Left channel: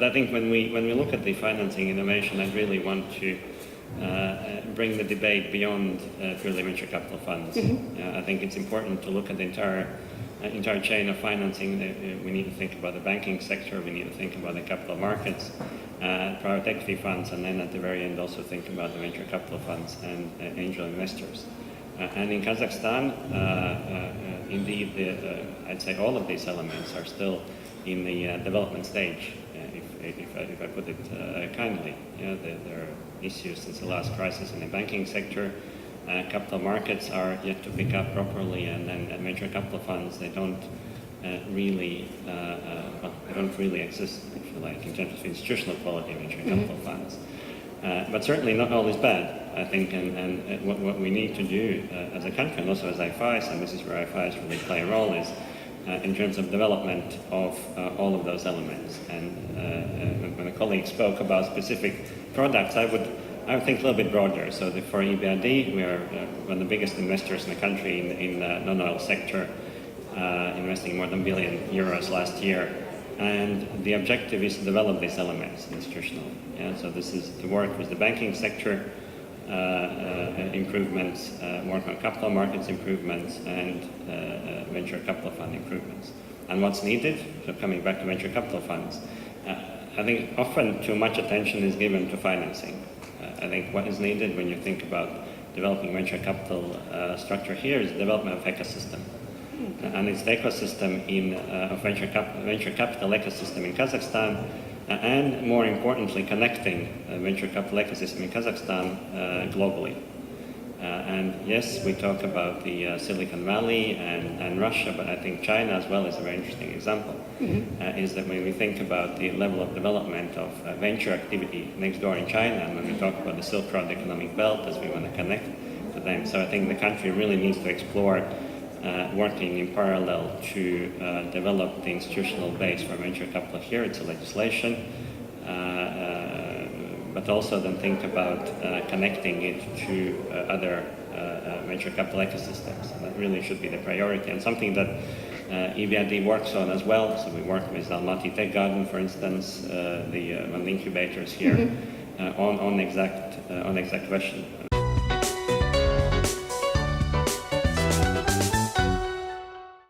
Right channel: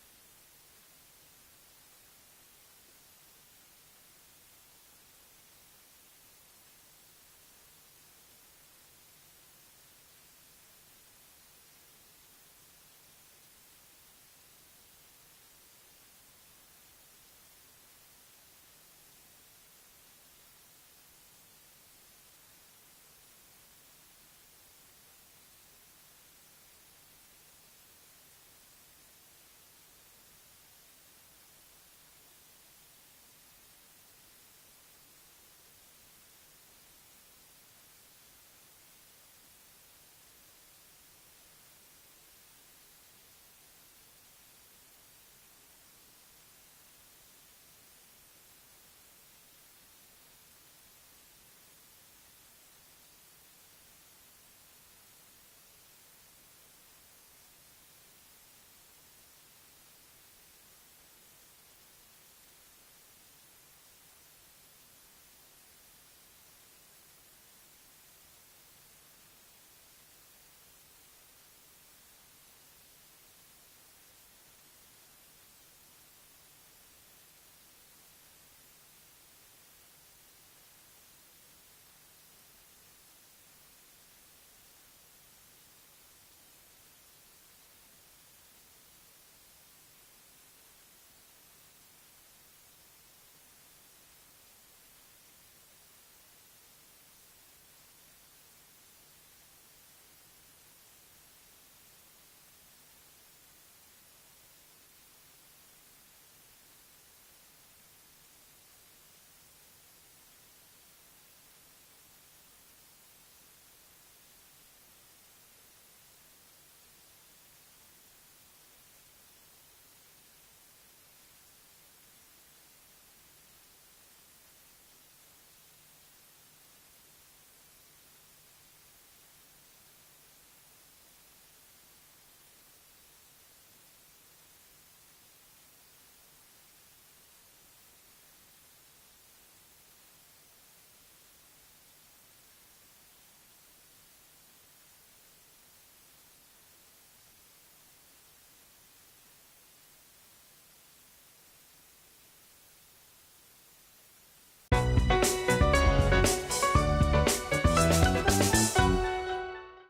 But I think when we look at the financing innovation, I really want to bring the debate beyond purely venture capital funds. I think it's important to look at the entire chain of financing. We need to think about the banking sector, we need to think about the capital markets, private equity funds, and then at the very end also think about the venture capital funds and angel investors. And in Kazakhstan, indeed, I'd say all of these elements are still in the development stage, if I put it kindly. There are issues since the last crisis in the banking sector. Capital markets are yet to pick up properly, and then venture capital funds, they don't really exist, if you like, in terms of institutional quality venture capital funds. But certainly not all is bad, I think, and what we need to do as a country, and also as IFIs, and this is where IFIs really play a role, is in terms of development of all of those elements. And when a colleague spoke about specific products, I would think a little bit broader. So for EBRD, we are one of the biggest investors in the country in the non-oil sector, investing more than €1 billion last year. And the objective is to develop these elements institutionally. So this is to work with the banking sector improvements, work on capital markets improvements, and venture capital fund improvements. And what's needed, so coming back to venture capital funds, I think often too much attention is given to financing. I think what is needed when you think about developing venture capital structure here is the development of ecosystem. And it's the ecosystem of venture capital ecosystem in Kazakhstan, and more importantly, connecting venture capital ecosystem in Kazakhstan globally. And yes, we talk about the Silicon Valley and Russia, but I think China as well is a very interesting example. Is that when we think about the level of development of venture activity next door in China, and when we talk about the Silk Road economic belt as we want to connect to them. So I think the country really needs to explore working in parallel to develop the institutional base for venture capital here. It's a legislation, but also then think about connecting it to other venture capital ecosystems. And that really should be the priority, and something that EBRD works on as well. So we work with Almaty Tech Garden, for instance, one of the incubators here, on exact question.